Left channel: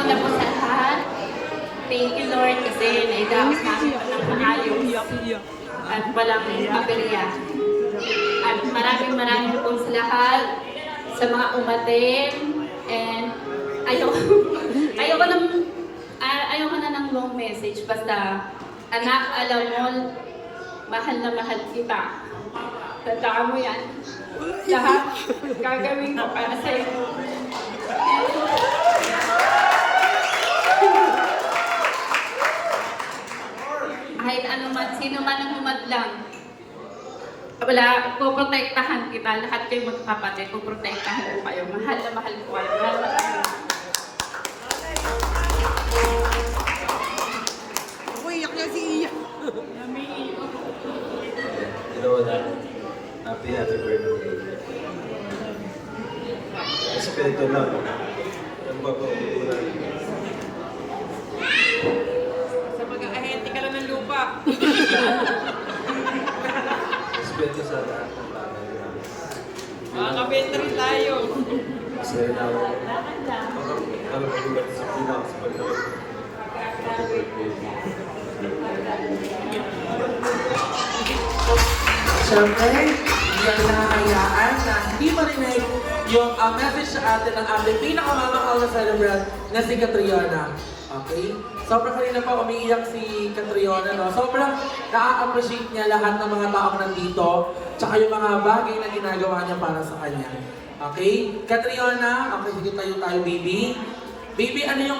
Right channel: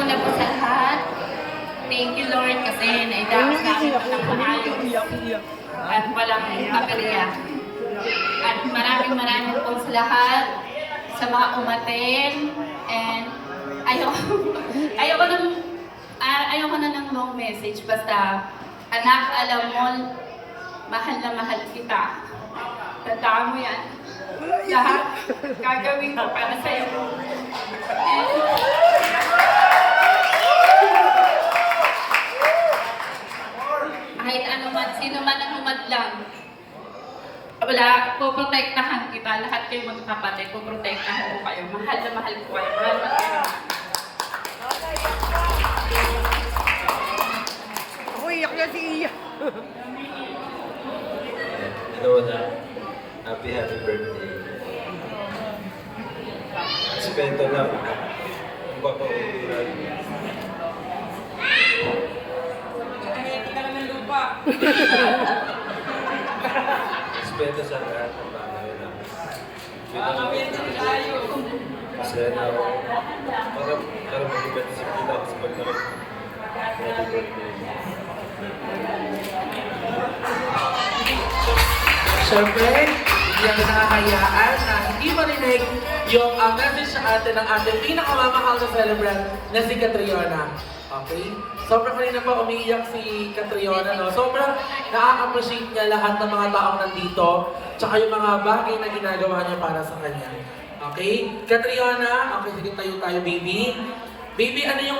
Una-una po sa lahat, thank you Lord kasi naidaos namin ng maayos at walang aberya. At maraming po sa lahat, sa mga umaten, and ayoko na ng long message, basta anak, alam mo, mahal na mahal kita. Tandaan mo yan. Lahat gagawin ko para sa'yo. Kahit ano man, sino man ang humadlang, wala, poprotektahan kita. Lahat kayo magkakapatid, poprotektahan ko kayo. Mahal na mahal ko kayo. Mahal na kayo. Ako iyak na si Iya. Hello na. Happy birthday. Respeto lang. Ang papauuran. Sa mag-ahente ka lang ng lupa. Respeto sa lahat ng bagay namin. Makakabenta rin tayo. Masaya na ako. Para mag-disiplina ako sa pagkakot. Siyempre, hindi natin nakakayaan na hindi marinig yung message sa atin ng ating pinakamamahal na celebrant na si Catriona. Okay? Sobrang kanina pa umiiyak si Catriona, no? Sobrang na-appreciate niya lahat ng mga taong nandito, tsaka yung mga bagay na ginagawa niya para sa kanya. Okay? Catriona, okay, sige tayo, baby. Baby, ano yung